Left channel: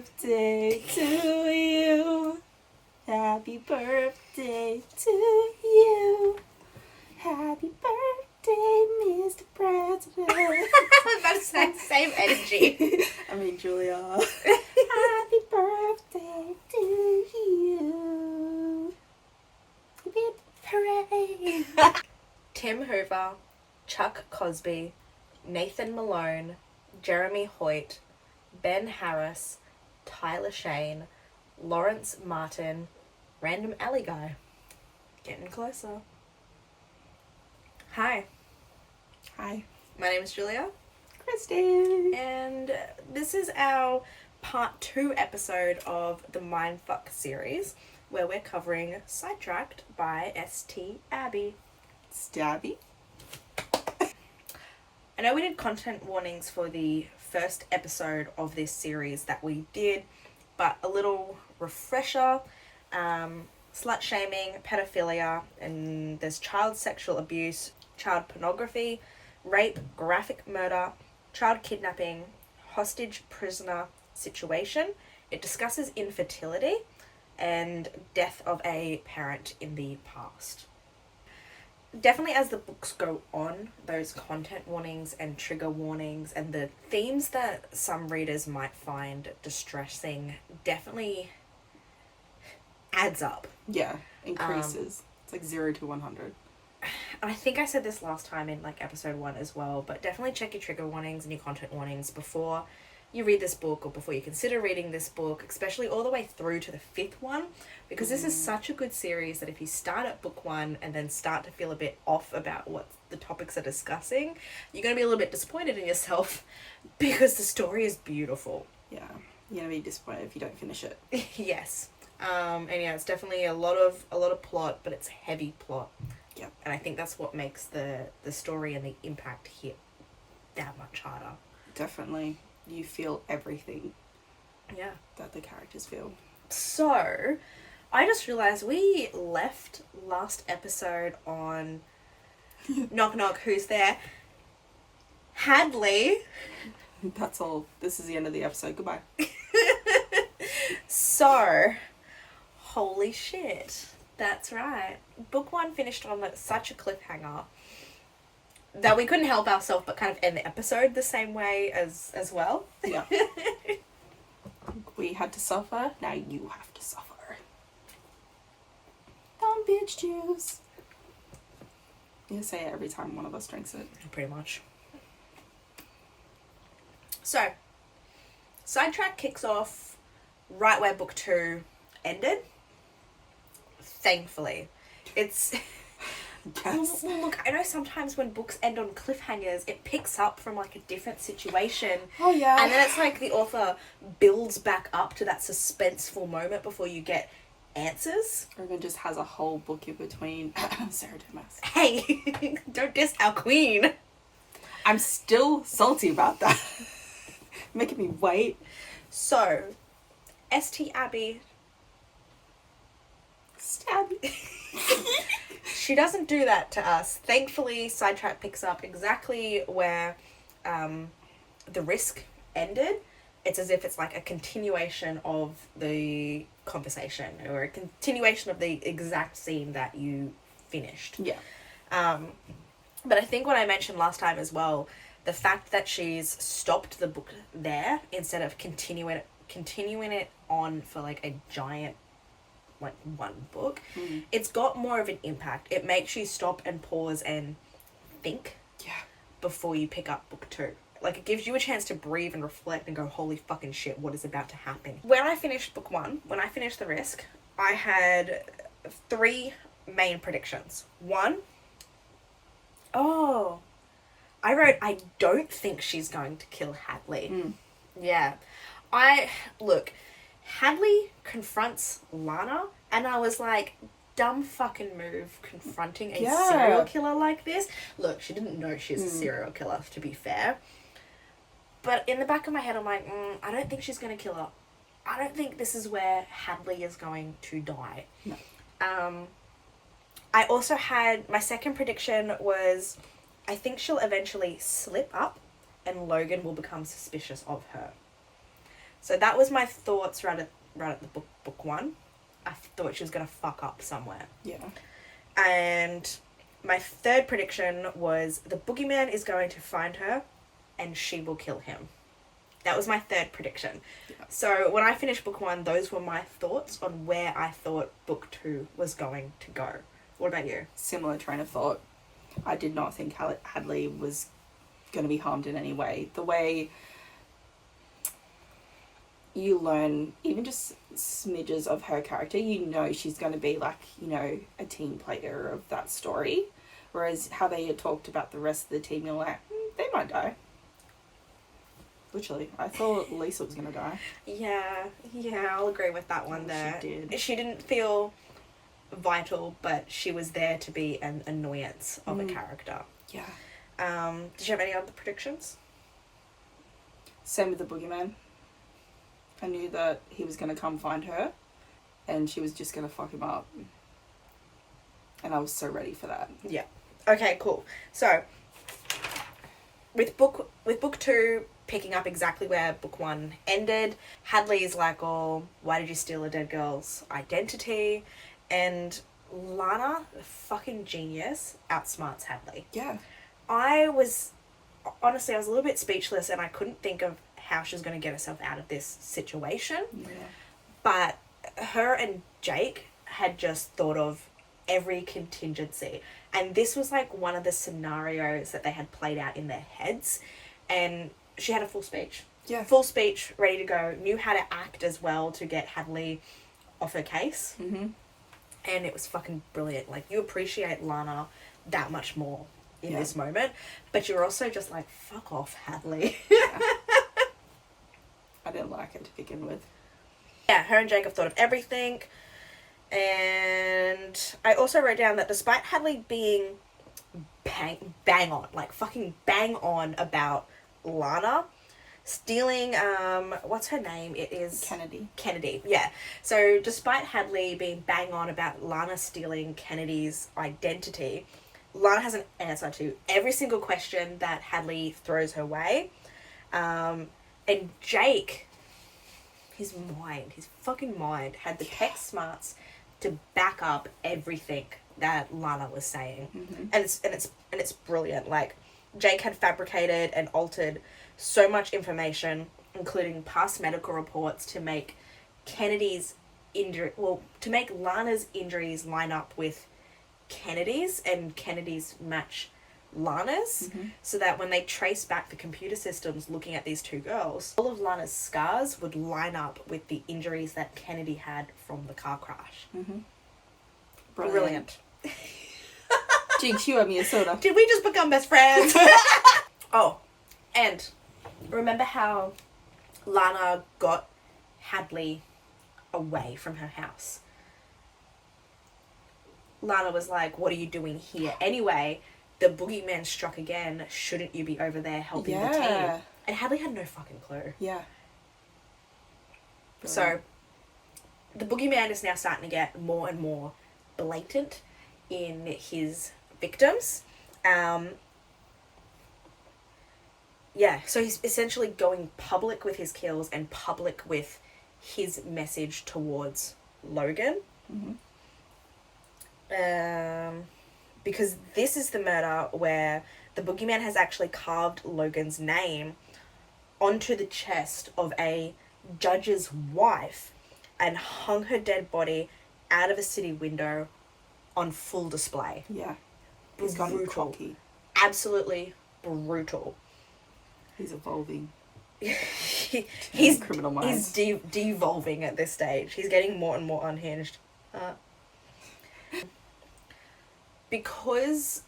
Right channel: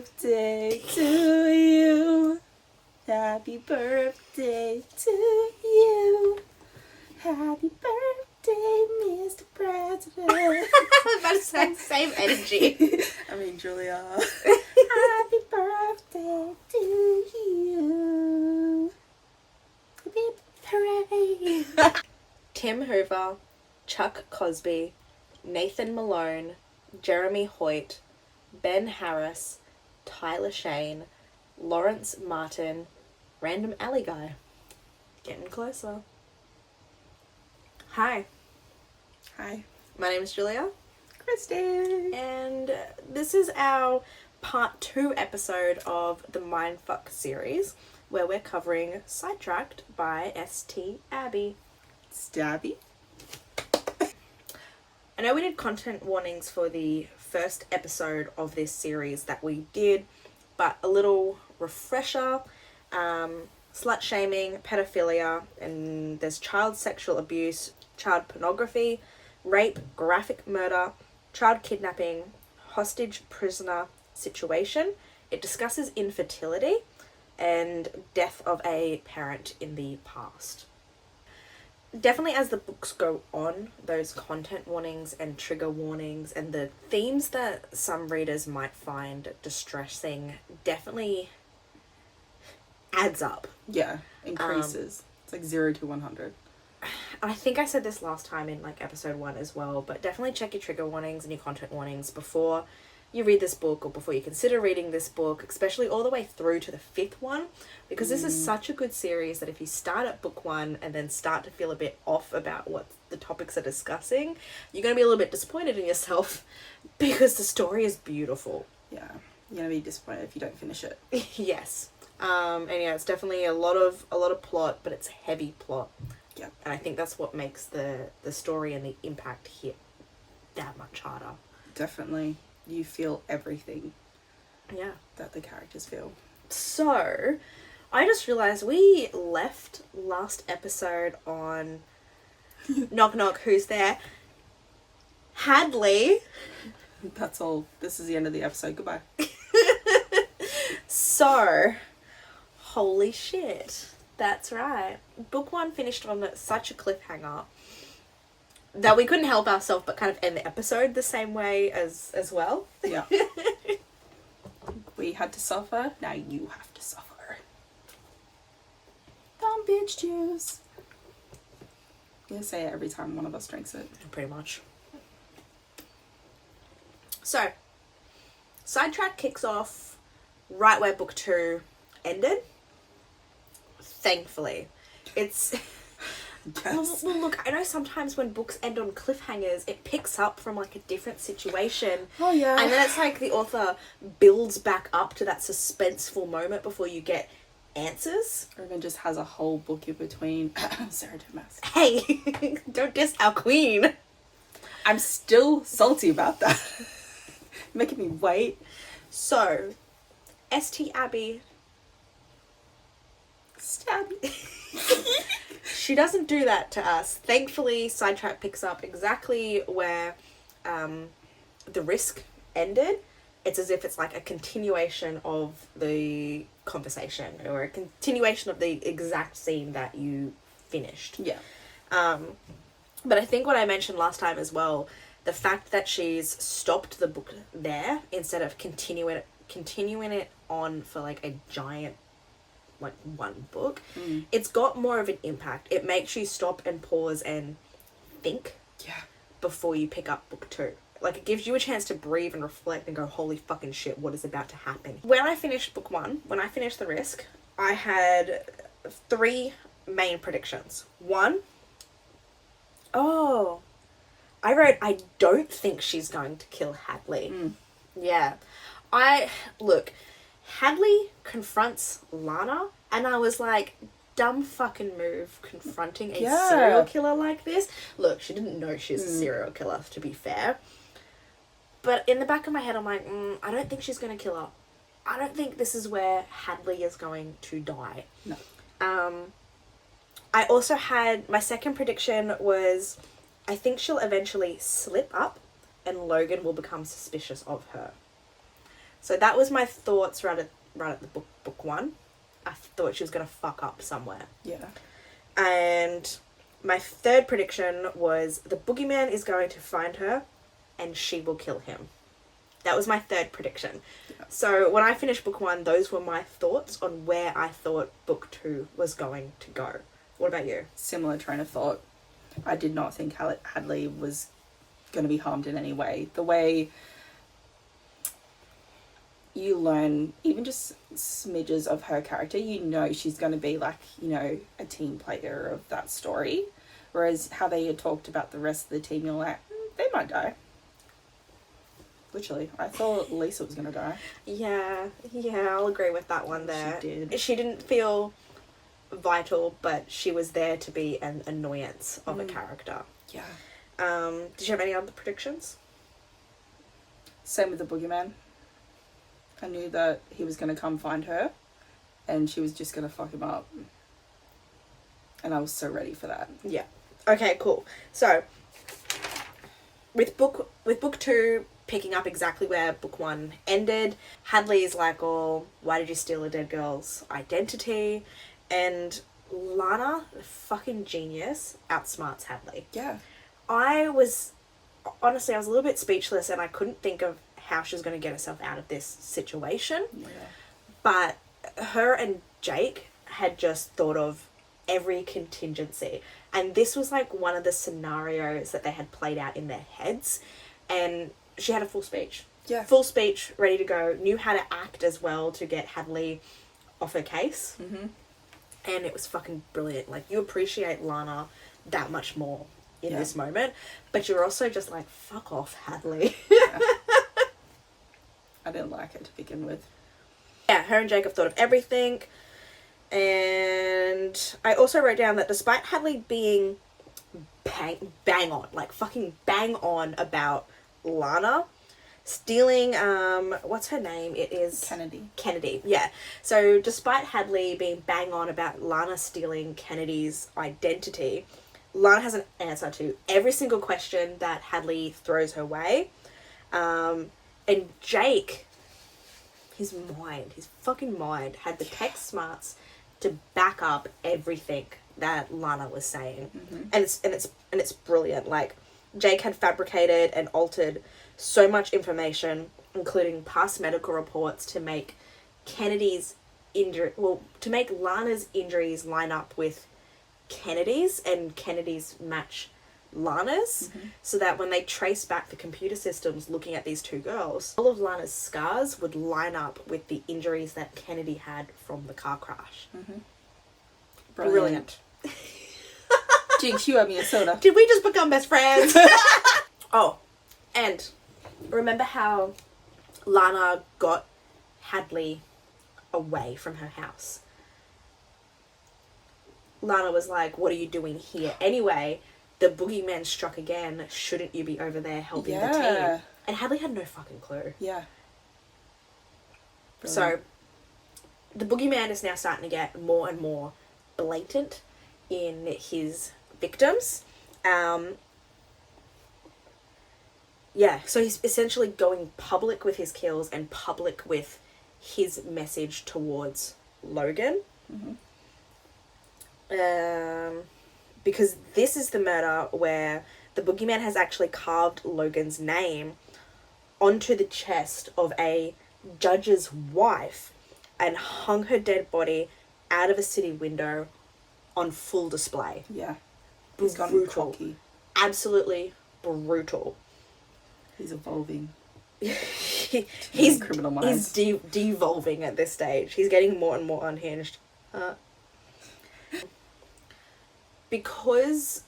birthday to you. Happy birthday to you. Happy birthday, Mr. President. That's the same energy. I mean, Julia. Happy birthday to you. Hooray. Tim Hoover, Chuck Cosby, Nathan Malone, Jeremy Hoyt, Ben Harris, Tyler Shane, Lawrence Martin, Random Alley Guy. Getting closer. Hi. Hi. My name is Julia. Kristen. And this is our part 2 episode of the Mindfuck series, where we're covering Sidetracked by St. Abby. Stabby. I know we did content warnings for the first episode of this series that we did, but a little refresher. Slut shaming, pedophilia, and there's child sexual abuse, child pornography, rape, graphic murder, child kidnapping, hostage prisoner situation. It discusses infertility and death of a parent in the past. Definitely as the books go on, those content warnings and trigger warnings and the themes that some readers might find distressing definitely adds up. Yeah, increases. It's like 0 to 100. I think I said this last time in like episode 1 as well, but definitely check your trigger warnings and your content warnings before you read this book or before you consider reading this book, especially all the way through to the 5th one, because this is such a good series that if you start at book 1 and then start to feel a bit off about what the topics are discussing, you're going to be a little bit disappointed in yourself because the story is beautiful. Yeah, you're going to be disappointed if you don't finish it. Yes. And yeah, it's definitely a lot of plot, but it's heavy plot. Yeah. And I think that's what makes the story and the impact hit that much harder. Definitely. You feel everything. Yeah. That the characters feel. So, I just realised we left last episode on knock knock, who's there? Hadley. That's all. This is the end of the episode. Goodbye. So, holy shit. That's right. Book 1 finished on such a cliffhanger that we couldn't help ourselves but kind of end the episode the same way as well. Yeah. We had to suffer. Now you have to suffer. Bitch juice. I'm gonna say it every time one of us drinks it. Pretty much. So, Sidetrack kicks off right where book 2 ended. Thankfully. It's... Yes. Well, look, I know sometimes when books end on cliffhangers, it picks up from like a different situation. Oh, yeah. And then it's like the author builds back up to that suspenseful moment before you get answers. Or even just has a whole book in between. Sarah Thomas. Hey, don't diss our queen. I'm still salty about that. Making me wait. So, St. Abby. Stabby. She doesn't do that to us. Thankfully, Sidetrack picks up exactly where the risk ended. It's as if it's like a continuation of the conversation or a continuation of the exact scene that you finished. Yeah. But I think what I mentioned last time as well, the fact that she's stopped the book there instead of continuing it on for like a giant like one book, it's got more of an impact. It makes you stop and pause and think before you pick up book 2. Like, it gives you a chance to breathe and reflect and go, holy fucking shit, what is about to happen? When I finished book 1, when I finished The Risk, I had 3 main predictions. 1, I wrote, I don't think she's going to kill Hadley. Yeah. Hadley confronts Lana, and I was like, dumb fucking move confronting a serial killer like this. Look, she didn't know she's a serial killer, to be fair. But in the back of my head, I'm like, I don't think she's going to kill her. I don't think this is where Hadley is going to die. No. I also had, my second prediction was, I think she'll eventually slip up and Logan will become suspicious of her. So that was my thoughts right at the book one. I thought she was going to fuck up somewhere. Yeah. And my third prediction was the boogeyman is going to find her and she will kill him. That was my third prediction. Yeah. So when I finished book one, those were my thoughts on where I thought book two was going to go. What about you? Similar train of thought. I did not think Hadley was going to be harmed in any way. The way you learn even just smidges of her character, you know she's going to be like, you know, a team player of that story. Whereas how they had talked about the rest of the team, you're like, they might die. Literally. I thought Lisa was going to die. Yeah, I'll agree with that one there. She did. She didn't feel vital, but she was there to be an annoyance of a character. Yeah. Did you have any other predictions? Same with the boogeyman. I knew that he was going to come find her and she was just going to fuck him up. And I was so ready for that. Yeah. Okay, cool. So, with book two picking up exactly where book one ended, Hadley is like, oh, why did you steal a dead girl's identity? And Lana, fucking genius, outsmarts Hadley. Yeah. I was a little bit speechless and I couldn't think of how she was going to get herself out of this situation. Yeah. But her and Jake had just thought of every contingency. And this was like one of the scenarios that they had played out in their heads. And she had a full speech. Yeah. Full speech, ready to go. Knew how to act as well to get Hadley off her case. Mm-hmm. And it was fucking brilliant. Like, you appreciate Lana that much more in this moment. But you're also just like, fuck off, Hadley. Yeah. I didn't like it to begin with. Yeah, her and Jake have thought of everything. And I also wrote down that despite Hadley being bang on, like fucking bang on about Lana stealing, what's her name? It is Kennedy, yeah. So despite Hadley being bang on about Lana stealing Kennedy's identity, Lana has an answer to every single question that Hadley throws her way. And Jake, his fucking mind had the tech smarts to back up everything that Lana was saying. Mm-hmm. And it's brilliant. Like, Jake had fabricated and altered so much information, including past medical reports, to make to make Lana's injuries line up with Kennedy's and Kennedy's match Lana's, so that when they trace back the computer systems looking at these two girls, all of Lana's scars would line up with the injuries that Kennedy had from the car crash. Mm-hmm. Brilliant. Jinx, you owe me a soda. Did we just become best friends? Oh, and remember how Lana got Hadley away from her house? Lana was like, what are you doing here anyway? The boogeyman struck again. Shouldn't you be over there helping the team? And Hadley had no fucking clue. Yeah. Brilliant. So, the boogeyman is now starting to get more and more blatant in his victims. So he's essentially going public with his kills and public with his message towards Logan. Mm-hmm. Because this is the murder where the boogeyman has actually carved Logan's name onto the chest of a judge's wife and hung her dead body out of a city window on full display. Yeah. He's gone cocky. Absolutely brutal. He's evolving. he's criminal minds. He's devolving at this stage. He's getting more and more unhinged. Because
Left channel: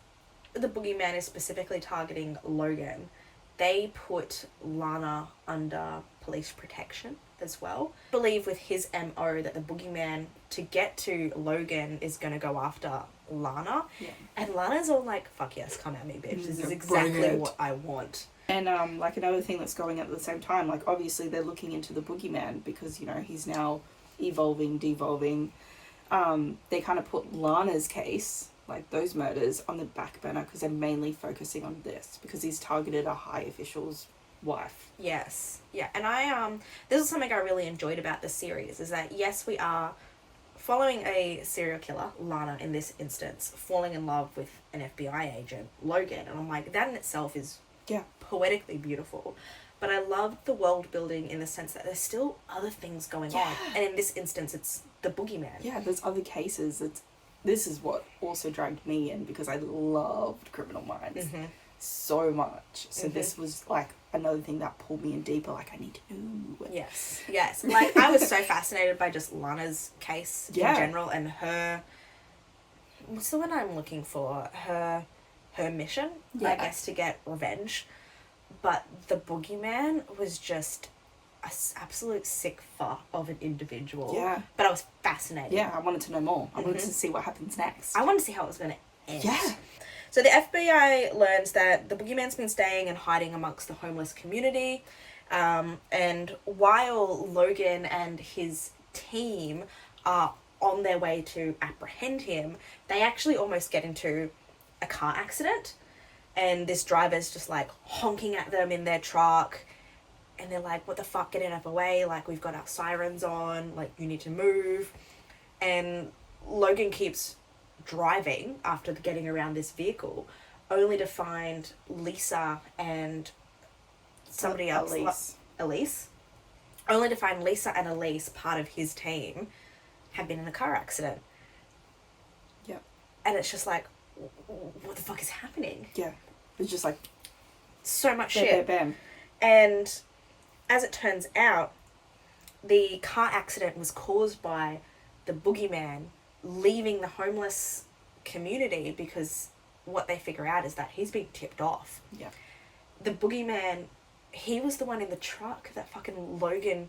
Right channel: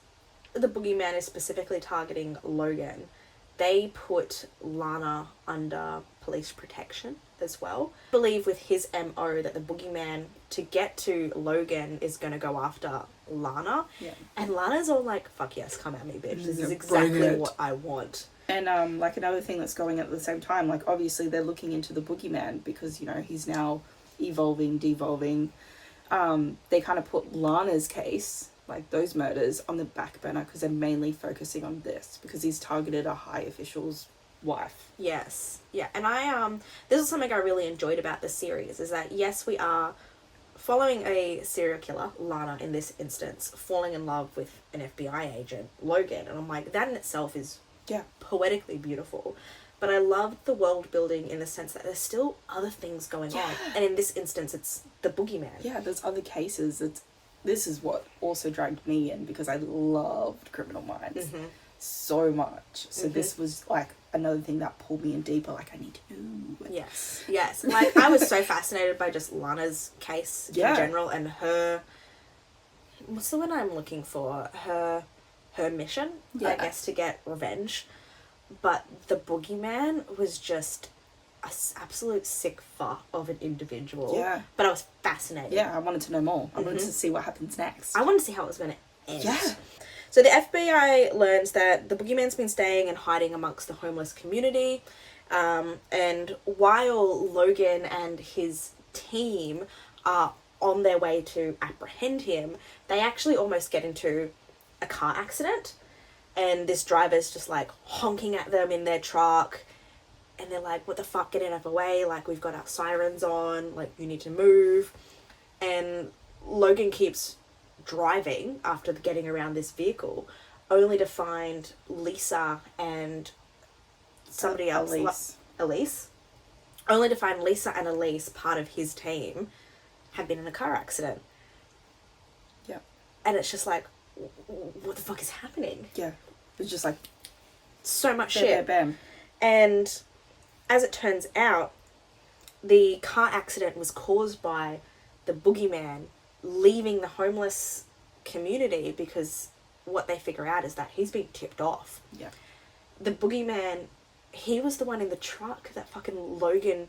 the boogeyman is specifically targeting Logan, they put Lana under police protection as well. I believe with his MO that the boogeyman, to get to Logan, is going to go after Lana. Yeah. And Lana's all like, fuck yes, come at me, bitch. This is exactly what I want. And like another thing that's going at the same time, like obviously they're looking into the boogeyman because, you know, he's now evolving, devolving. They kind of put Lana's case, like those murders, on the back burner because they're mainly focusing on this because he's targeted a high official's wife. Yes. Yeah. And this is something I really enjoyed about the series, is that yes, we are following a serial killer, Lana in this instance, falling in love with an FBI agent, Logan. And I'm like, that in itself is poetically beautiful. But I love the world building in the sense that there's still other things going on. And in this instance, it's the boogeyman. Yeah, there's other cases. This is what also dragged me in, because I loved Criminal Minds so much. So this was like another thing that pulled me in deeper. Like, I need to know. Yes. Like, I was so fascinated by just Lana's case in general, and her... What's the one I'm looking for? Her mission, I guess, to get revenge. But the boogeyman was just an absolute sick fuck of an individual. Yeah. But I was fascinated. Yeah, I wanted to know more. I wanted to see what happens next. I wanted to see how it was going to end. Yeah. So the FBI learns that the boogeyman's been staying and hiding amongst the homeless community. And while Logan and his team are on their way to apprehend him, they actually almost get into a car accident. And this driver's just, like, honking at them in their truck. And they're like, what the fuck, get out of the way. Like, we've got our sirens on. Like, you need to move. And Logan keeps driving after getting around this vehicle, only to find Lisa and somebody else. Elise. Only to find Lisa and Elise, part of his team, have been in a car accident. Yeah. And it's just like, what the fuck is happening? Yeah. It's just like... so much shit. Bam. And as it turns out, the car accident was caused by the boogeyman leaving the homeless community, because what they figure out is that he's being tipped off. Yeah. The boogeyman, he was the one in the truck that fucking Logan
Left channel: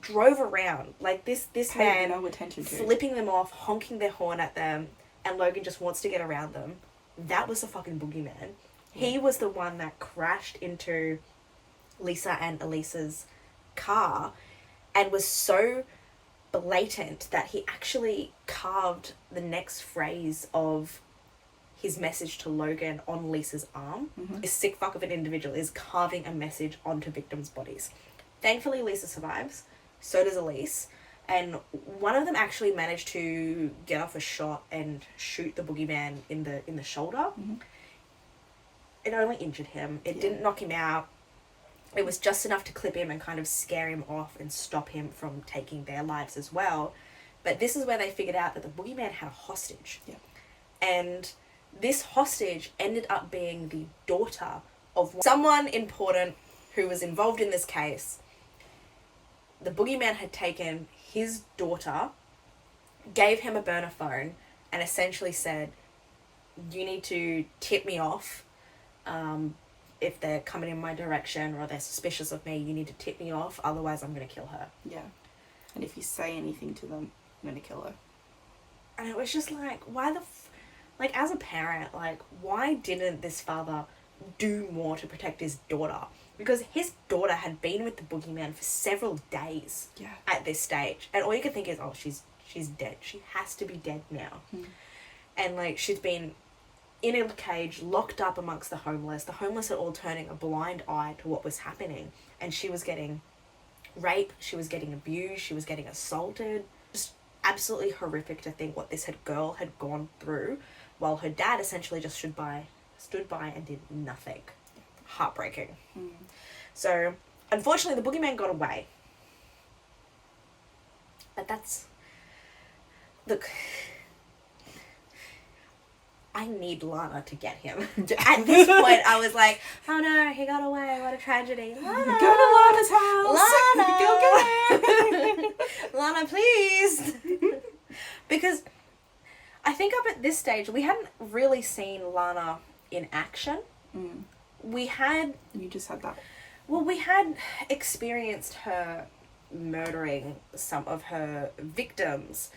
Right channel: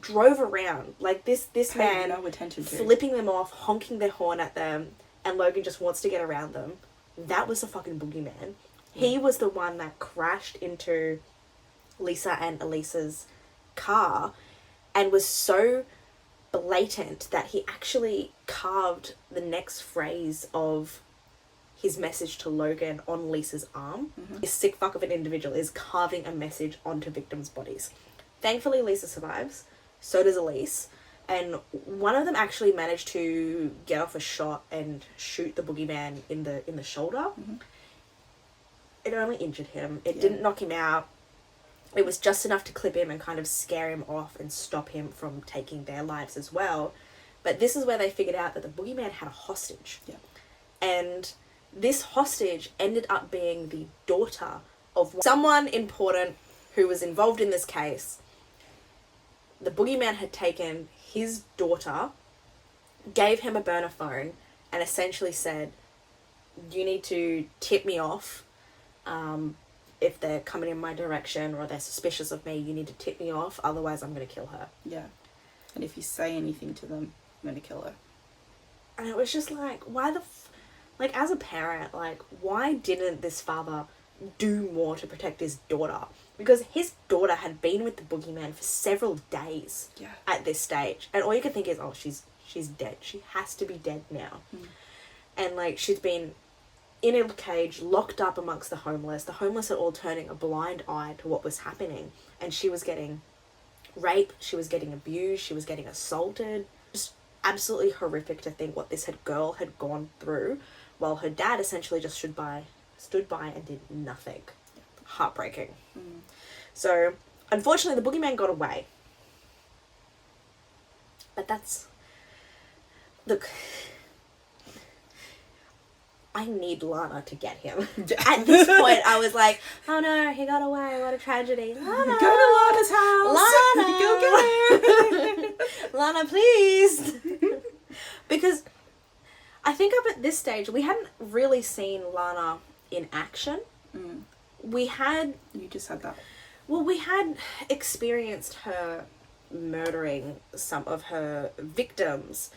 drove around. Like, this man no attention to, flipping them off, honking their horn at them, and Logan just wants to get around them. That was the fucking boogeyman. He was the one that crashed into Lisa and Elisa's car and was so blatant that he actually carved the next phrase of his message to Logan on Lisa's arm. This sick fuck of an individual is carving a message onto victims' bodies. Thankfully, Lisa survives. So does Elise. And one of them actually managed to get off a shot and shoot the boogeyman in the shoulder. It only injured him. It didn't knock him out. It was just enough to clip him and kind of scare him off and stop him from taking their lives as well. But this is where they figured out that the boogeyman had a hostage. Yeah. And this hostage ended up being the daughter of someone important who was involved in this case. The boogeyman had taken his daughter, gave him a burner phone, and essentially said, you need to tip me off. If they're coming in my direction or they're suspicious of me, you need to tip me off, otherwise I'm going to kill her. Yeah. And if you say anything to them, I'm going to kill her. And it was just like, why like, as a parent, like, why didn't this father do more to protect his daughter? Because his daughter had been with the boogeyman for several days at this stage. And all you could think is, oh, she's dead. She has to be dead now. And, like, she's been in a cage, locked up amongst the homeless. The homeless are all turning a blind eye to what was happening. And she was getting raped. She was getting abused. She was getting assaulted. Just absolutely horrific to think what this girl had gone through, while her dad essentially just stood by and did nothing. Heartbreaking. So, unfortunately, the boogeyman got away. But that's... Look... I need Lana to get him. At this point, I was like, oh no, he got away. What a tragedy. Lana. Go to Lana's house. Lana. Go get her. Lana, please. Because I think up at this stage, we hadn't really seen Lana in action. We had... You just had that. Well, we had experienced her murdering some of her victims,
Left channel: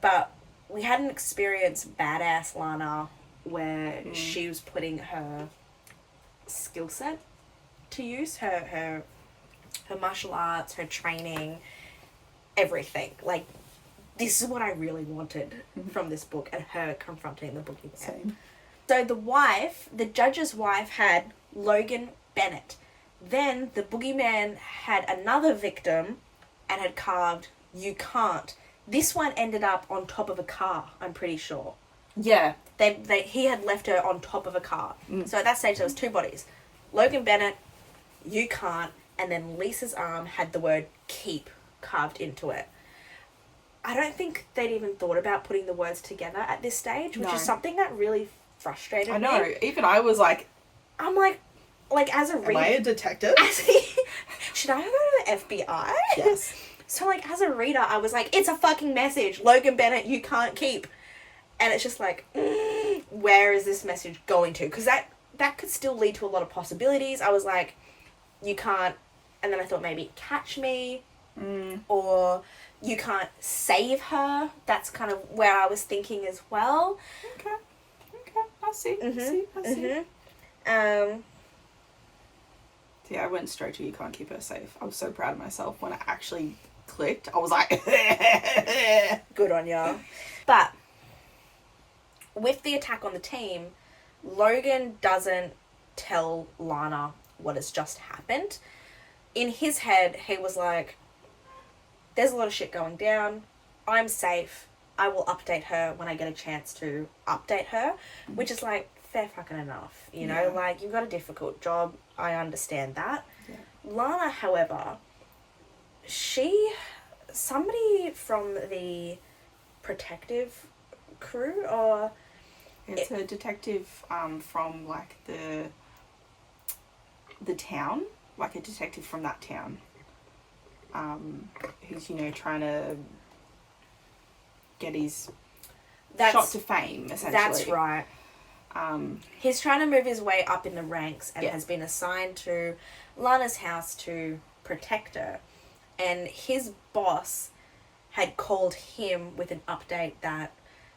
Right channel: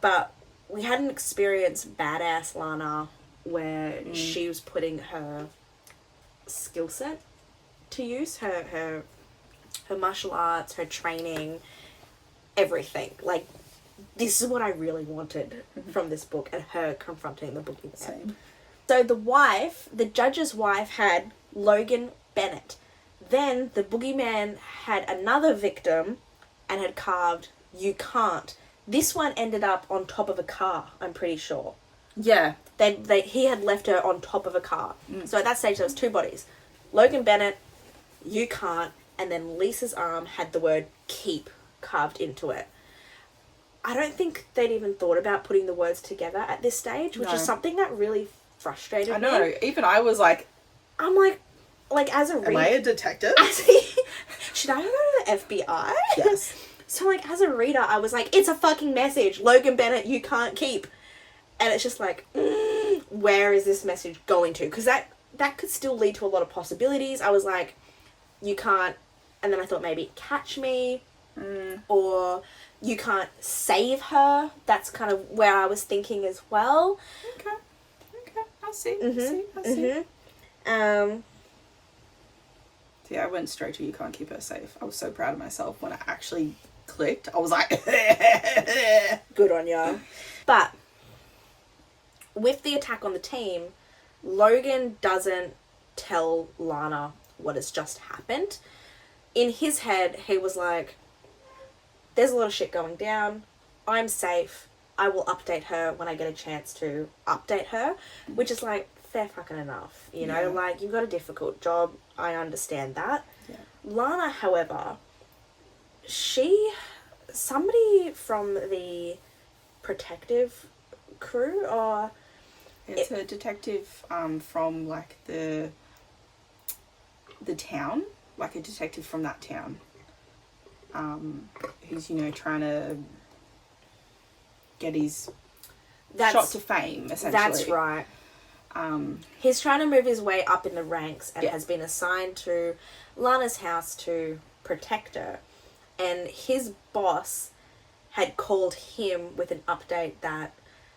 but we hadn't experienced badass Lana where she was putting her skill set to use, her martial arts, her training, everything. Like, this is what I really wanted from this book, and her confronting the boogeyman. So the judge's wife had Logan Bennett, Then the boogeyman had another victim and had carved, "You can't." This one ended up on top of a car, I'm pretty sure. Yeah. He had left her on top of a car. So at that stage, there was 2 bodies. Logan Bennett, "You can't," and then Lisa's arm had the word "keep" carved into it. I don't think they'd even thought about putting the words together at this stage, which is something that really frustrated me. I know. Even I was like... I'm like as a reader... Am I a detective? Should I go to the FBI? Yes. So, like, as a reader, I was like, it's a fucking message. Logan Bennett, you can't keep. And it's just like, where is this message going to? Because that could still lead to a lot of possibilities. I was like, you can't... And then I thought maybe catch me. Or you can't save her. That's kind of where I was thinking as well. Okay. I see. I see. See, I went straight to "you can't keep her safe." I was so proud of myself when I actually clicked. I was like... Good on ya. But with the attack on the team, Logan doesn't tell Lana what has just happened. In his head, he was like, there's a lot of shit going down. I'm safe. I will update her when I get a chance to update her. Which is like, fair fucking enough. You know, like, you've got a difficult job. I understand that. Yeah. Lana, however, somebody from the protective crew, or... It's a detective from, like, the town. Like, a detective from that town. Who's, you know, trying to get his shot to fame, essentially. That's right. He's trying to move his way up in the ranks and has been assigned to Lana's house to protect her. And his boss had called him with an update that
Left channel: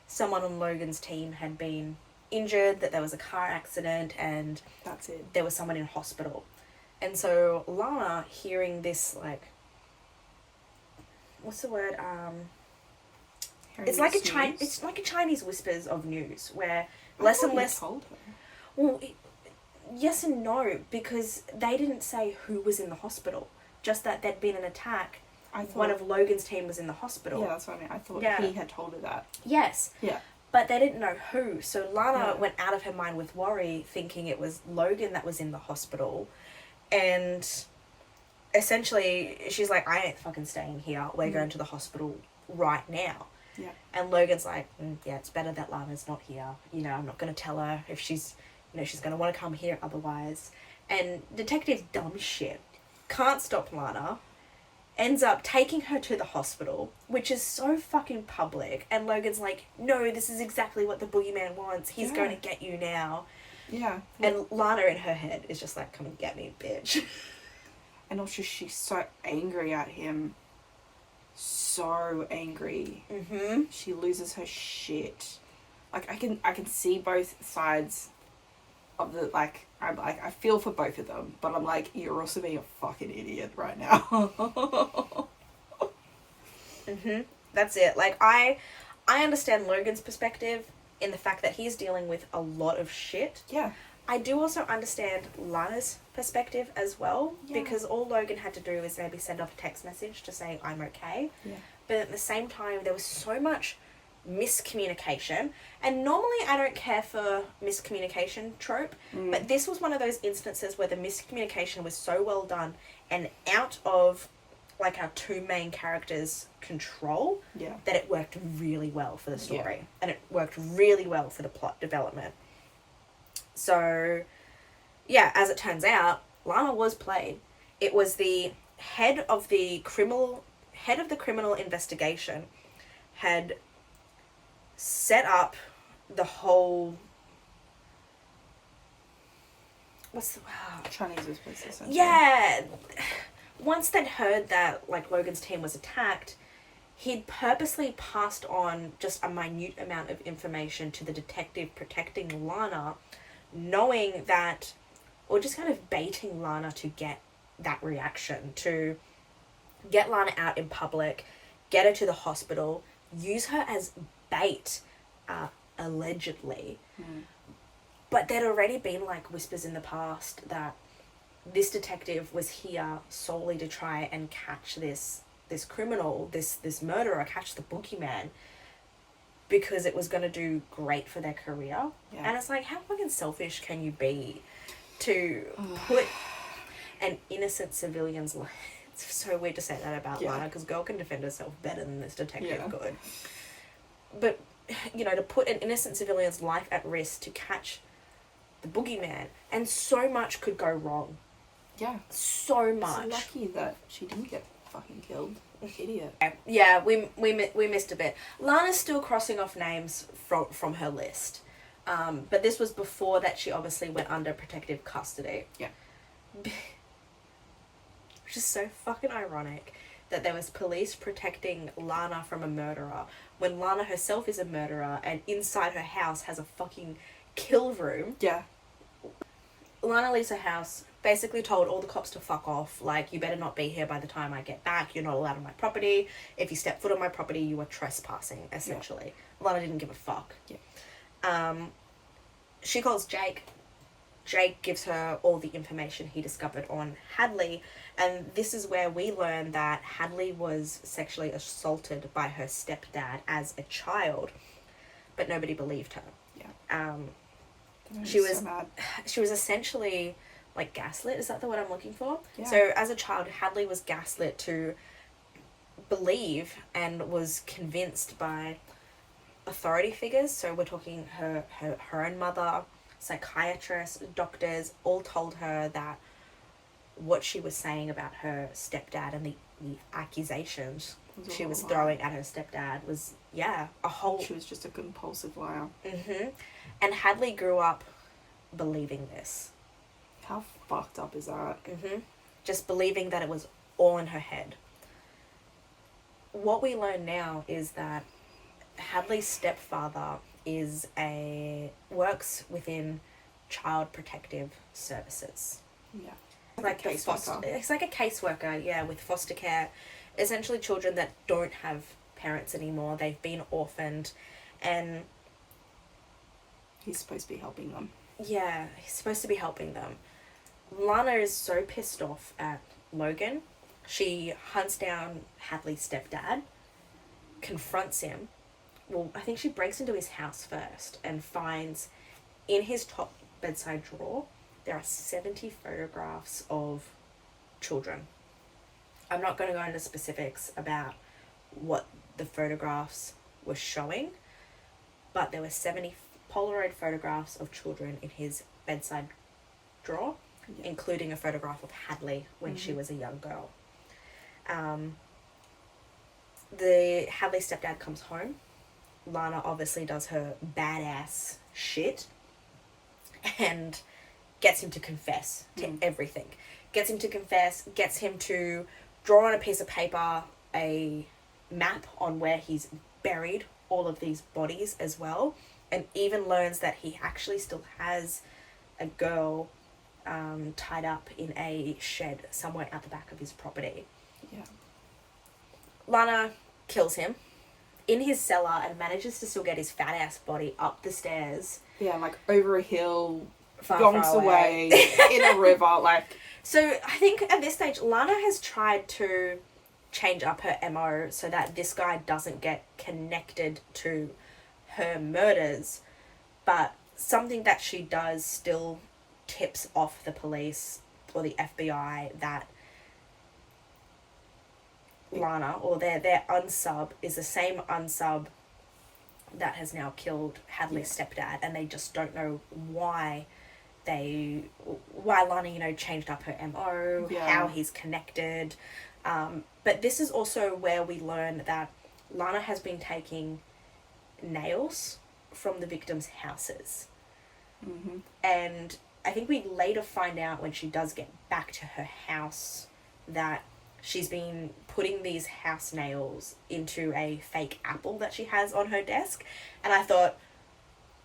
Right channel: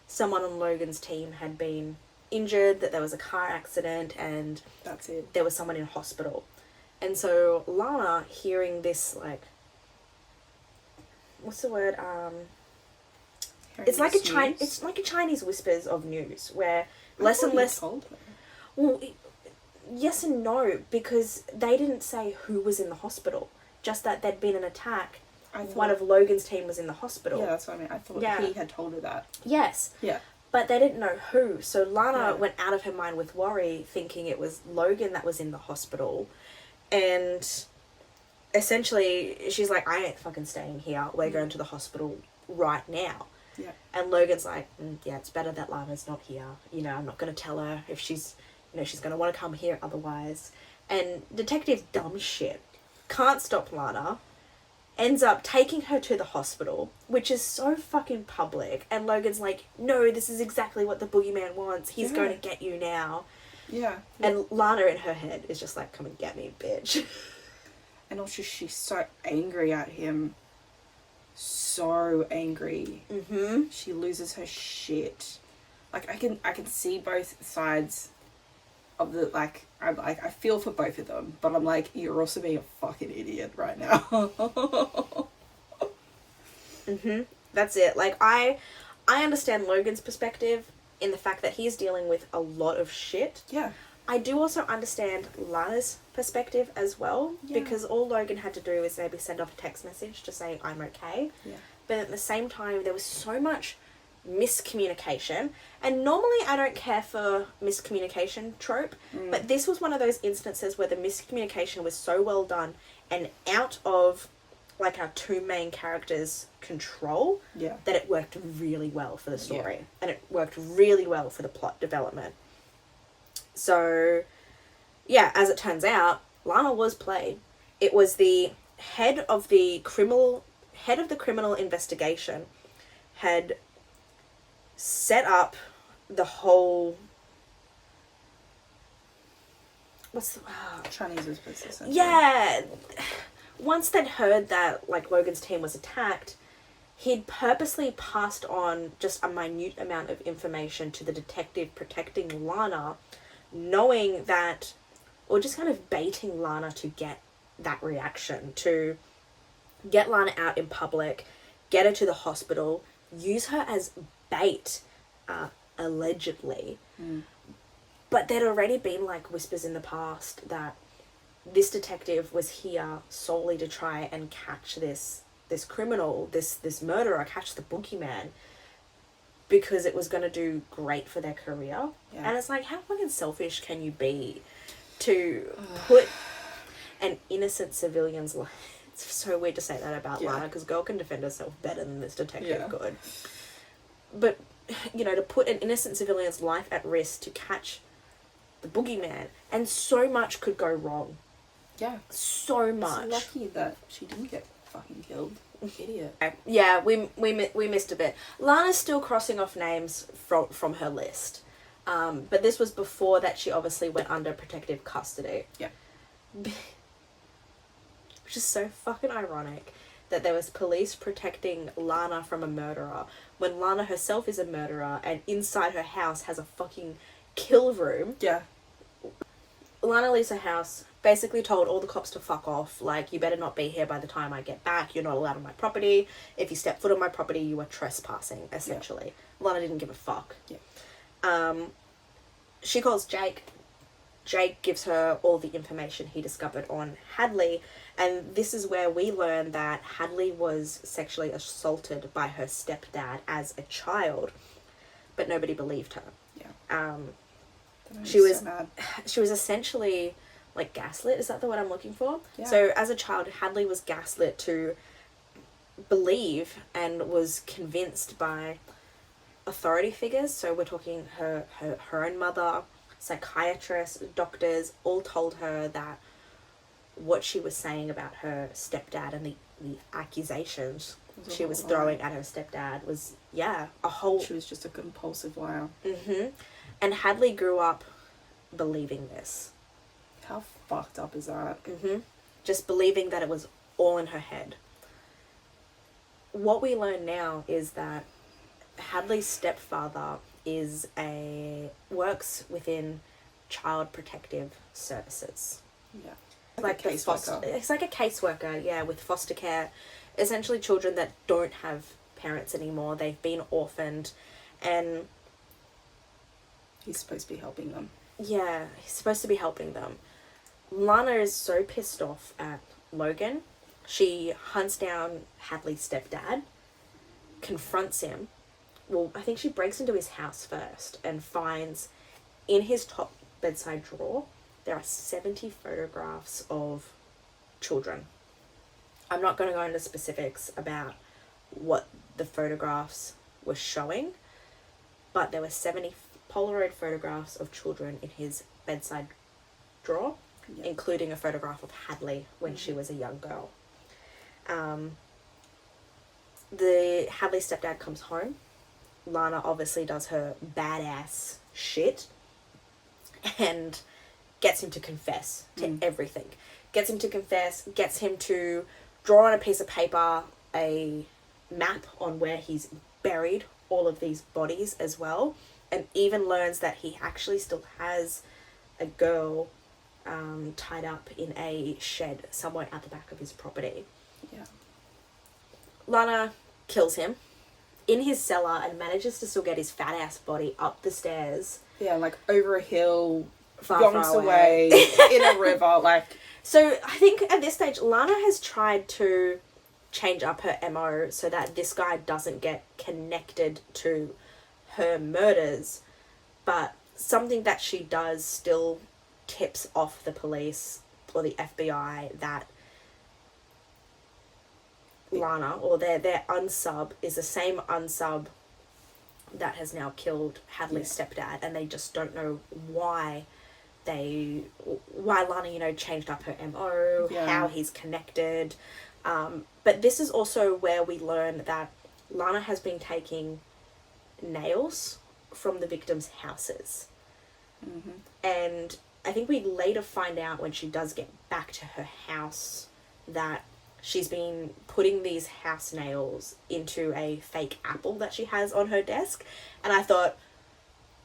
someone on Logan's team had been injured, that there was a car accident, and that's it. There was someone in hospital. And so Lana, hearing this, like, what's the word? It's like a Chinese whispers of news, where less and less. Told her. Well, yes and no, because they didn't say who was in the hospital. Just that there'd been an attack. One of Logan's team was in the hospital. Yeah, that's what I mean. I thought he had told her that. Yes. Yeah. But they didn't know who. So Lana went out of her mind with worry, thinking it was Logan that was in the hospital. And essentially, she's like, I ain't fucking staying here. We're going to the hospital right now. Yeah. And Logan's like, yeah, it's better that Lana's not here. You know, I'm not going to tell her if she's going to want to come here otherwise. And Detective dumb shit can't stop Lana, ends up taking her to the hospital, which is so fucking public. And Logan's like, no, this is exactly what the boogeyman wants. He's going to get you now. Yeah. And Lana in her head is just like, come and get me, bitch. And also she's so angry at him. So angry. Mm-hmm. She loses her shit. Like, I can see both sides of the, like, I feel for both of them, but I'm like, you're also being a fucking idiot right now. Mm-hmm. That's it. Like, I understand Logan's perspective in the fact that he's dealing with a lot of shit. Yeah. I do also understand Lana's perspective as well, because all Logan had to do was maybe send off a text message to say, I'm okay. Yeah. But at the same time, there was so much miscommunication. And normally I don't care for miscommunication trope, but this was one of those instances where the miscommunication was so well done and out of, like, our two main characters' control that it worked really well for the story. Yeah. And it worked really well for the plot development. So, yeah, as it turns out, Lana was played. It was the head of the criminal investigation had set up the whole... What's the... Chinese whispers. Yeah. Once they'd heard that, like, Logan's team was attacked, he'd purposely passed on just a minute amount of information to the detective protecting Lana, knowing that, or just kind of baiting Lana to get that reaction, to get Lana out in public, get her to the hospital, use her as bait, allegedly. But there'd already been, like, whispers in the past that this detective was here solely to try and catch this criminal, this murderer, catch the boogeyman, because it was going to do great for their career. Yeah. And it's like, how fucking selfish can you be to put an innocent civilian's life? It's so weird to say that about Lana, because girl can defend herself better than this detective could. But, you know, to put an innocent civilian's life at risk to catch the boogeyman, and so much could go wrong. Yeah. So much. It's lucky that she didn't get fucking killed. Idiot. Yeah, we missed a bit. Lana's still crossing off names from her list. But this was before that she obviously went under protective custody. Yeah. Which is so fucking ironic that there was police protecting Lana from a murderer when Lana herself is a murderer and inside her house has a fucking kill room. Yeah. Lana leaves her house, basically told all the cops to fuck off. Like, you better not be here by the time I get back. You're not allowed on my property. If you step foot on my property, you are trespassing, essentially. Yeah. Lana didn't give a fuck. Yeah. She calls Jake. Jake gives her all the information he discovered on Hadley. And this is where we learn that Hadley was sexually assaulted by her stepdad as a child. But nobody believed her. Yeah. She was essentially like gaslit. Is that the word I'm looking for? Yeah. So as a child, Hadley was gaslit to believe and was convinced by authority figures. So we're talking her own mother, psychiatrists, doctors, all told her that what she was saying about her stepdad and the accusations she was throwing at her stepdad was, a whole... She was just a compulsive liar. Mm-hmm. And Hadley grew up believing this. How fucked up is that? Mm-hmm. Just believing that it was all in her head. What we learn now is that Hadley's stepfather works within child protective services. Yeah. Like a caseworker. It's like a caseworker, with foster care. Essentially children that don't have parents anymore. They've been orphaned, and he's supposed to be helping them. Yeah, he's supposed to be helping them. Lana is so pissed off at Logan. She hunts down Hadley's stepdad, confronts him. Well, I think she breaks into his house first and finds in his top bedside drawer there are 70 photographs of children. I'm not going to go into specifics about what the photographs were showing, but there were 70 Polaroid photographs of children in his bedside drawer, including a photograph of Hadley when she was a young girl. The Hadley stepdad comes home. Lana obviously does her badass shit and gets him to confess to everything. Gets him to confess, gets him to draw on a piece of paper a map on where he's buried all of these bodies as well, and even learns that he actually still has a girl tied up in a shed somewhere out the back of his property. Yeah. Lana kills him in his cellar and manages to still get his fat ass body up the stairs. Yeah, like over a hill, far away in a river, like... So I think at this stage, Lana has tried to change up her MO so that this guy doesn't get connected to her murders, but something that she does still tips off the police or the FBI that Lana, or their unsub, is the same unsub that has now killed Hadley's stepdad, and they just don't know why Lana, changed up her MO, how he's connected. But this is also where we learn that Lana has been taking nails from the victims' houses. Mm-hmm. And I think we later find out when she does get back to her house that she's been putting these house nails into a fake apple that she has on her desk. And I thought,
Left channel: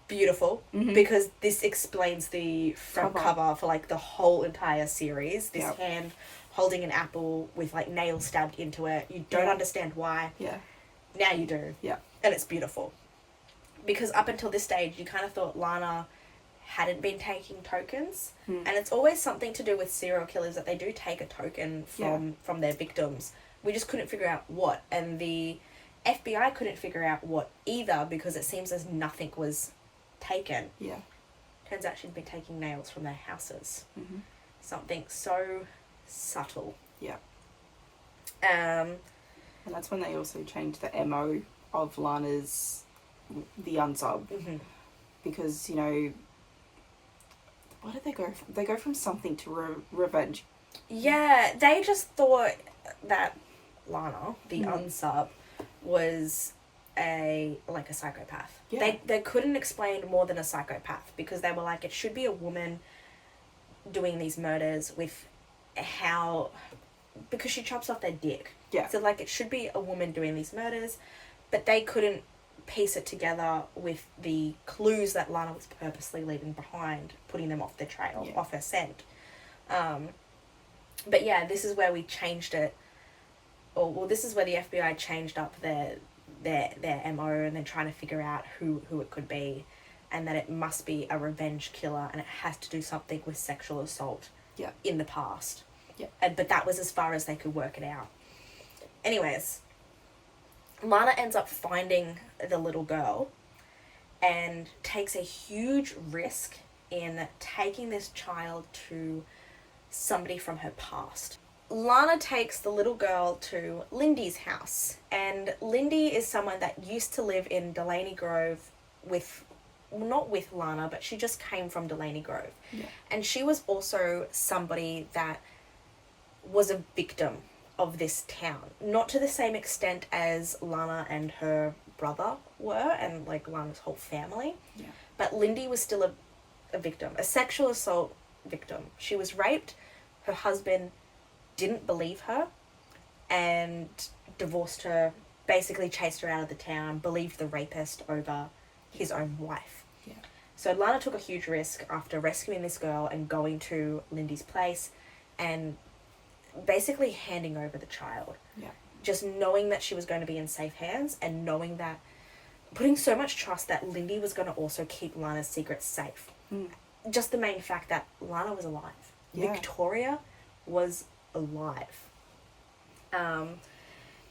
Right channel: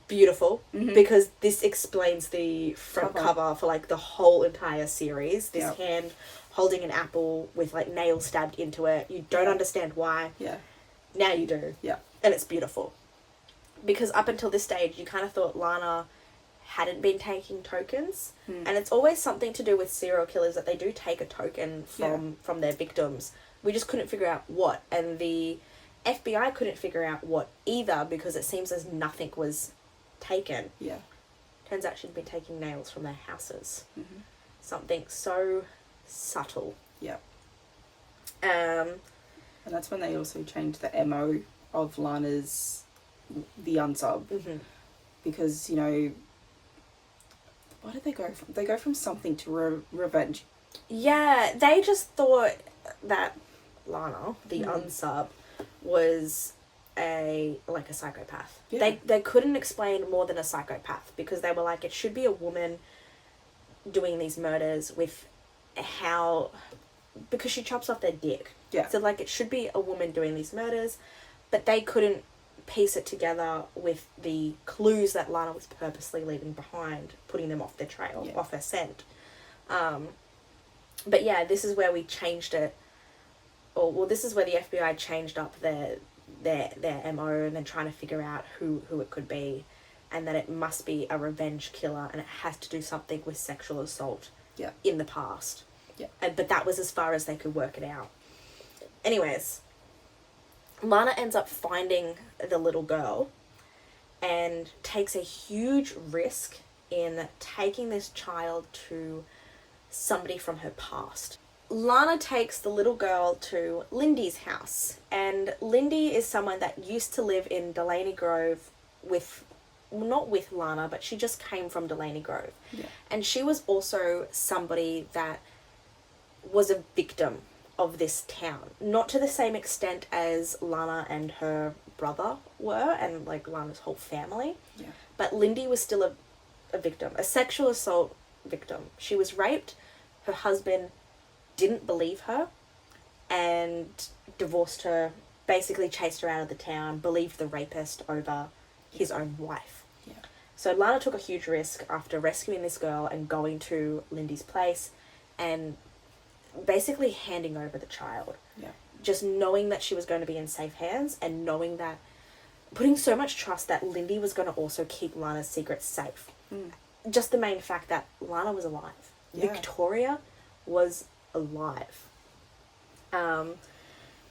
beautiful, because this explains the front cover for like the whole entire series. This hand holding an apple with like nails stabbed into it. You don't understand why. Yeah. Now you do. Yeah. And it's beautiful. Because up until this stage, you kind of thought Lana hadn't been taking tokens. And it's always something to do with serial killers, that they do take a token from their victims. We just couldn't figure out what. And the FBI couldn't figure out what either, because it seems as nothing was taken. Yeah. Turns out she'd been taking nails from their houses. Something so subtle. Yeah. And that's when they also changed the MO of Lana's, the unsub. Because, you know, what did they go from? They go from something to revenge. Yeah, they just thought that Lana, the unsub, was a psychopath. Yeah. They couldn't explain more than a psychopath, because they were like, it should be a woman doing these murders with because she chops off their dick. Yeah. So, like, it should be a woman doing these murders, but they couldn't piece it together with the clues that Lana was purposely leaving behind, putting them off the trail, off her scent. But yeah, this is where we changed it. This is where the FBI changed up their MO, and then trying to figure out who it could be, and that it must be a revenge killer, and it has to do something with sexual assault in the past. Yeah. But that was as far as they could work it out. Anyways, Lana ends up finding the little girl and takes a huge risk in taking this child to somebody from her past. Lana takes the little girl to Lindy's house, and Lindy is someone that used to live in Delaney Grove not with Lana, but she just came from Delaney Grove. Yeah. And she was also somebody that was a victim of this town. Not to the same extent as Lana and her brother were, and like Lana's whole family. Yeah. But Lindy was still a victim, a sexual assault victim. She was raped. Her husband didn't believe her and divorced her, basically chased her out of the town, believed the rapist over his own wife. Yeah. So Lana took a huge risk after rescuing this girl and going to Lindy's place and basically handing over the child. Yeah. Just knowing that she was going to be in safe hands, and knowing that, putting so much trust that Lindy was going to also keep Lana's secret safe. Just the main fact that Lana was alive. Yeah. Victoria was alive.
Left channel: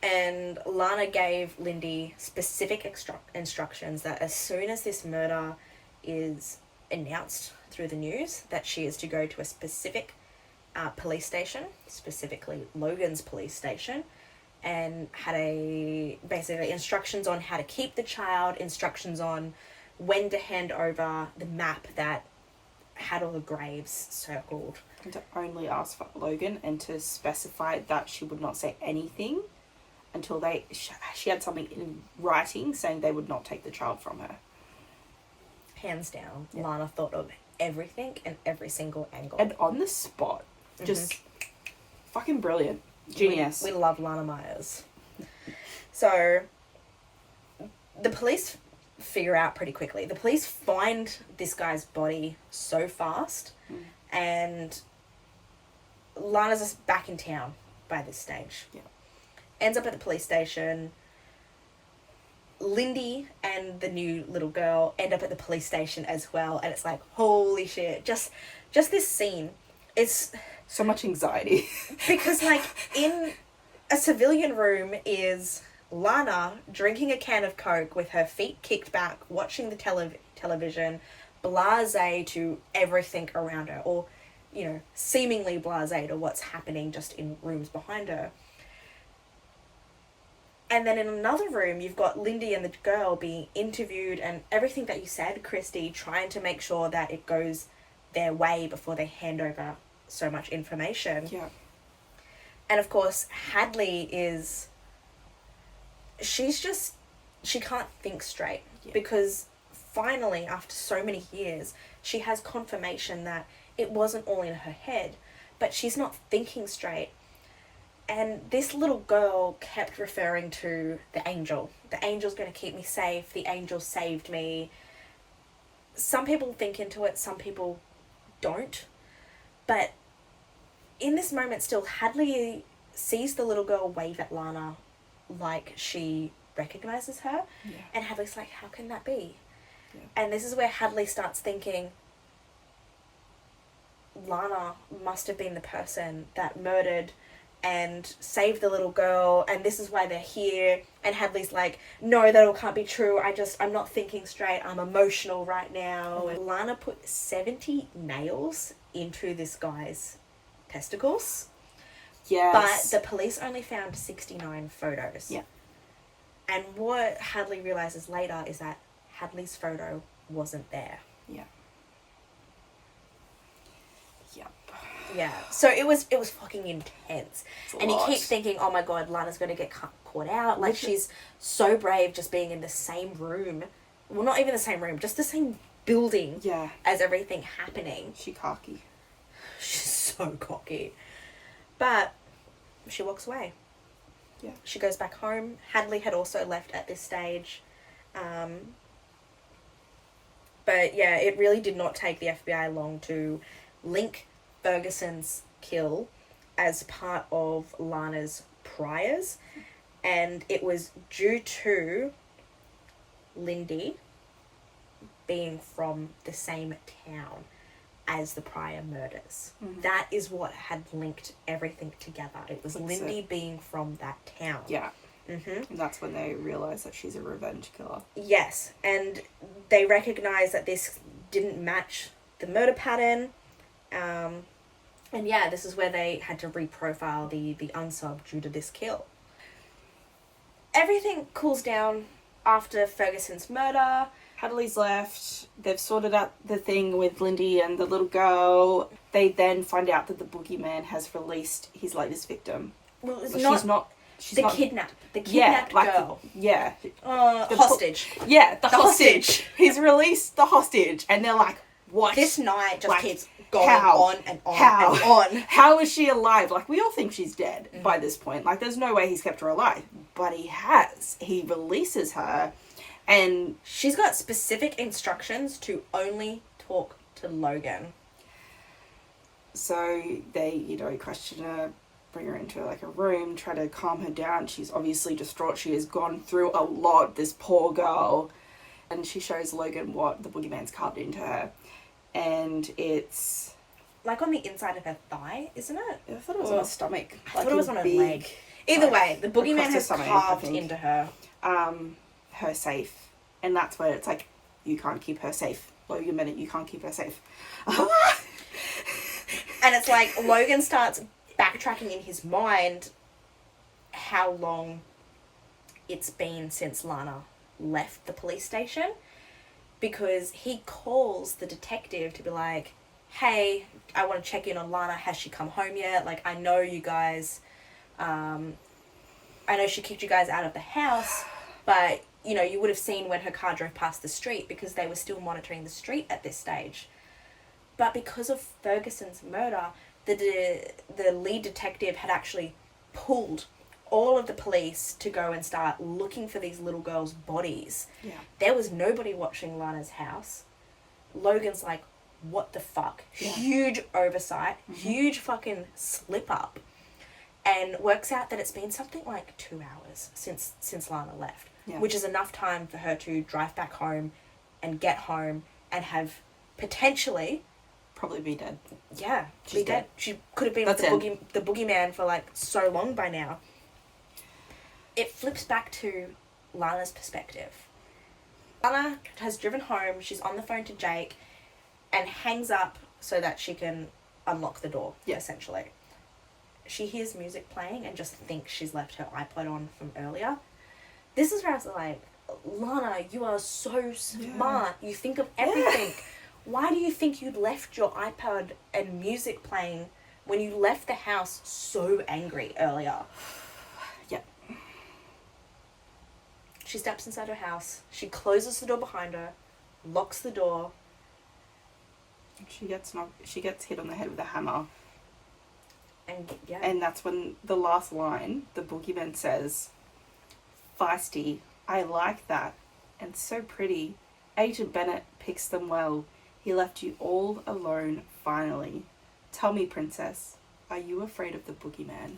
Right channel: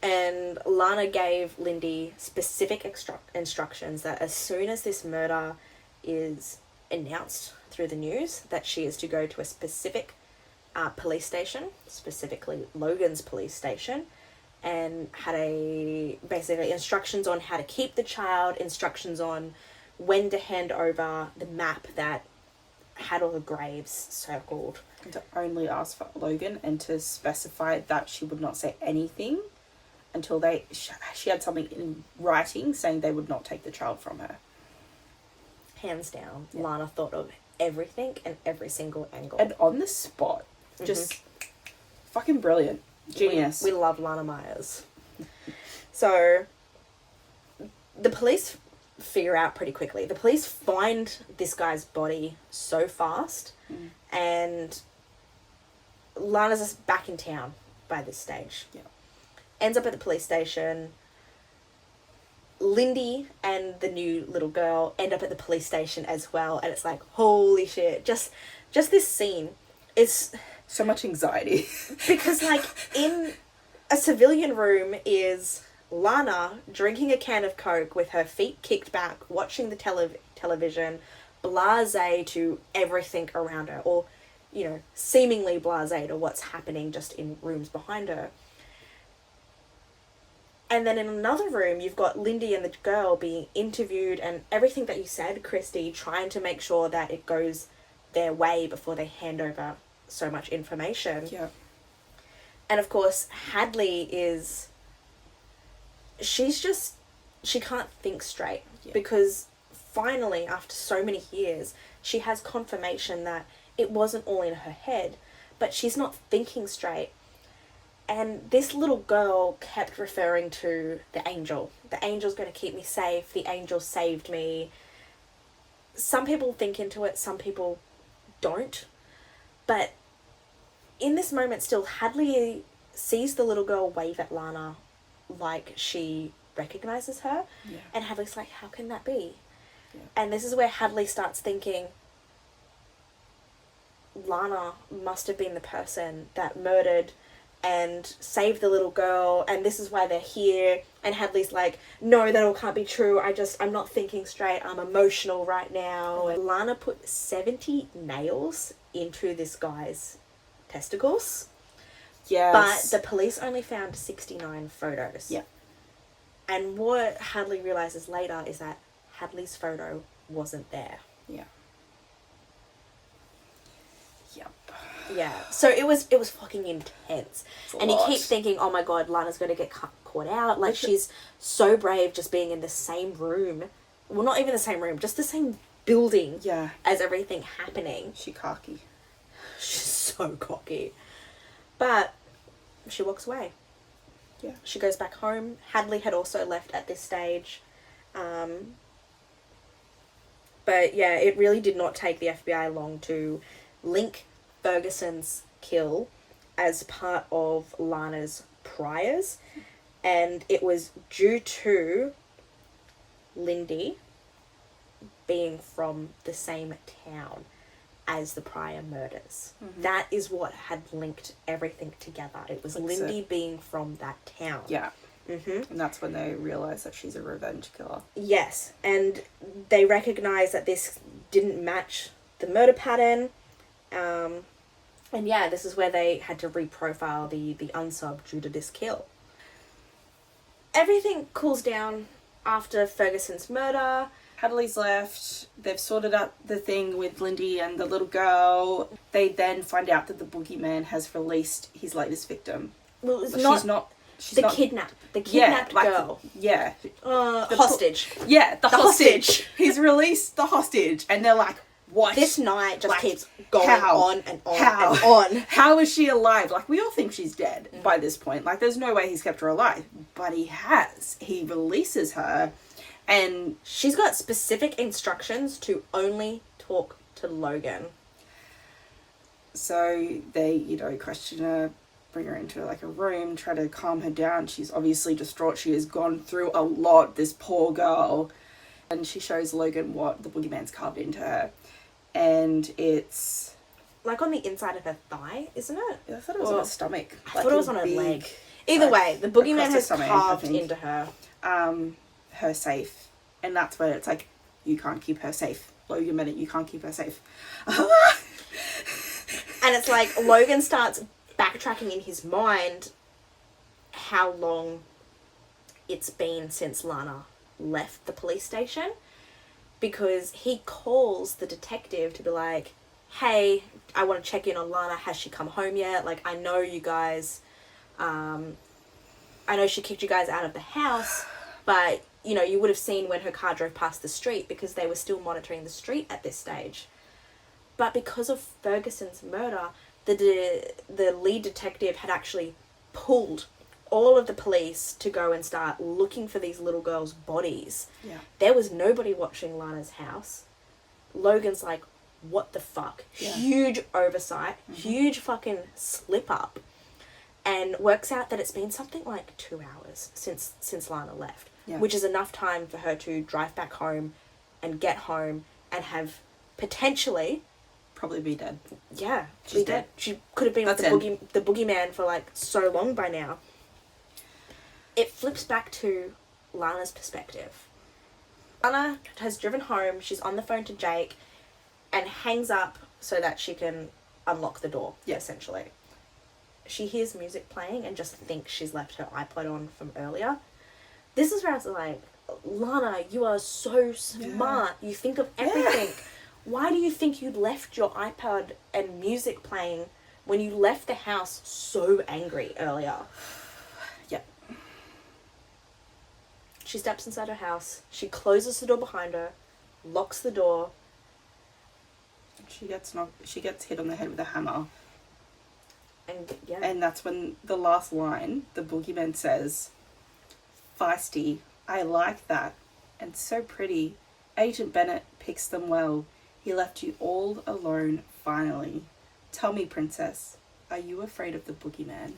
And Lana gave Lindy specific instructions that as soon as this murder is announced through the news, that she is to go to a specific police station, specifically Logan's police station, and had basically instructions on how to keep the child, instructions on when to hand over the map that had all the graves circled. And to only ask for Logan, and to specify that she would not say anything until she had something in writing saying they would not take the child from her. Hands down, Lana thought of everything and every single angle. And on the spot. Just fucking brilliant. Genius. We love Lana Myers. So, the police figure out pretty quickly. The police find this guy's body so fast, and Lana's just back in town by this stage. Yeah. Ends up at the police station. Lindy and the new little girl end up at the police station as well, and it's like, holy shit. Just this scene. It's so much anxiety. Because, like, in a civilian room is Lana drinking a can of Coke with her feet kicked back, watching the television, blasé to everything around her, or, you know, seemingly blasé to what's happening just in rooms behind her. And then in another room, you've got Lindy and the girl being interviewed, and everything that you said, Christy, trying to make sure that it goes their way before they hand over so much information. Yeah. And of course, Hadley she can't think straight. Yeah. Because finally, after so many years, she has confirmation that it wasn't all in her head, but she's not thinking straight. And this little girl kept referring to the angel. The angel's going to keep me safe. The angel saved me. Some people think into it, some people don't. But in this moment still, Hadley sees the little girl wave at Lana like she recognizes her. Yeah. And Hadley's like, how can that be? Yeah. And this is where Hadley starts thinking, Lana must have been the person that murdered and saved the little girl, and this is why they're here. And Hadley's like, no, that all can't be true. I'm not thinking straight. I'm emotional right now. And Lana put 70 nails into this guy's testicles. Yes. But the police only found 69 photos. Yeah. And what Hadley realizes later is that Hadley's photo wasn't there. Yeah. Yep. Yeah. So it was fucking intense. And you lot. keep thinking, oh my god, Lana's going to get caught out. Like, she's so brave just being in the same room. Well, not even the same room, just the same building. Yeah. As everything happening. She cocky. She's so cocky. But she walks away. Yeah. She goes back home. Hadley had also left at this stage. But yeah, it really did not take the FBI long to link Ferguson's kill as part of Lana's priors. And it was due to Lindy being from the same town as the prior murders. Mm-hmm. That is what had linked everything together. It was Lindy being from that town. Yeah. Mm-hmm. And that's when they realise that she's a revenge killer. Yes, and they recognise that this didn't match the murder pattern. And yeah, this is where they had to reprofile the unsub due to this kill. Everything cools down after Ferguson's murder. Hadley's left. They've sorted out the thing with Lindy and the little girl. They then find out that the boogeyman has released his latest victim. Well, it's She's not the kidnapped girl. The hostage. The hostage. He's released the hostage. And they're like, what? This night just keeps going how? on and on How? and on. How is she alive? Like, we all think she's dead by this point. Like, there's no way he's kept her alive. But he has. He releases her. And she's got specific instructions to only talk to Logan. So they, question her, bring her into like a room, try to calm her down. She's obviously distraught. She has gone through a lot, this poor girl. And she shows Logan what the boogeyman's carved into her. And it's like on the inside of her thigh, isn't it? I thought it was on her stomach. I thought it was on her leg. Either way, the boogeyman has carved into her. Her safe. And that's where it's like, you can't keep her safe. Logan Bennett, you can't keep her safe. And it's like Logan starts backtracking in his mind how long it's been since Lana left the police station, because he calls the detective to be like, hey, I want to check in on Lana. Has she come home yet? Like, I know you guys, I know she kicked you guys out of the house, but you would have seen when her car drove past the street, because they were still monitoring the street at this stage. But because of Ferguson's murder, the lead detective had actually pulled all of the police to go and start looking for these little girls' bodies. Yeah. There was nobody watching Lana's house. Logan's like, what the fuck? Yeah. Huge oversight, huge fucking slip up. And works out that it's been something like 2 hours since Lana left. Yeah. Which is enough time for her to drive back home and get home and have potentially... probably be dead. Yeah, be dead. She could have been with the boogeyman for like so long by now. It flips back to Lana's perspective. Lana has driven home, she's on the phone to Jake, and hangs up so that she can unlock the door, essentially. She hears music playing and just thinks she's left her iPod on from earlier. This is where I was like, Lana, you are so smart. You think of everything. Yeah. Why do you think you left your iPod and music playing when you left the house so angry earlier? Yep. She steps inside her house. She closes the door behind her, locks the door. She gets hit on the head with a hammer. And And that's when the last line, the boogeyman says, feisty, I like that, and so pretty. Agent Bennett picks them well. He left you all alone, finally. Tell me, princess, are you afraid of the boogeyman?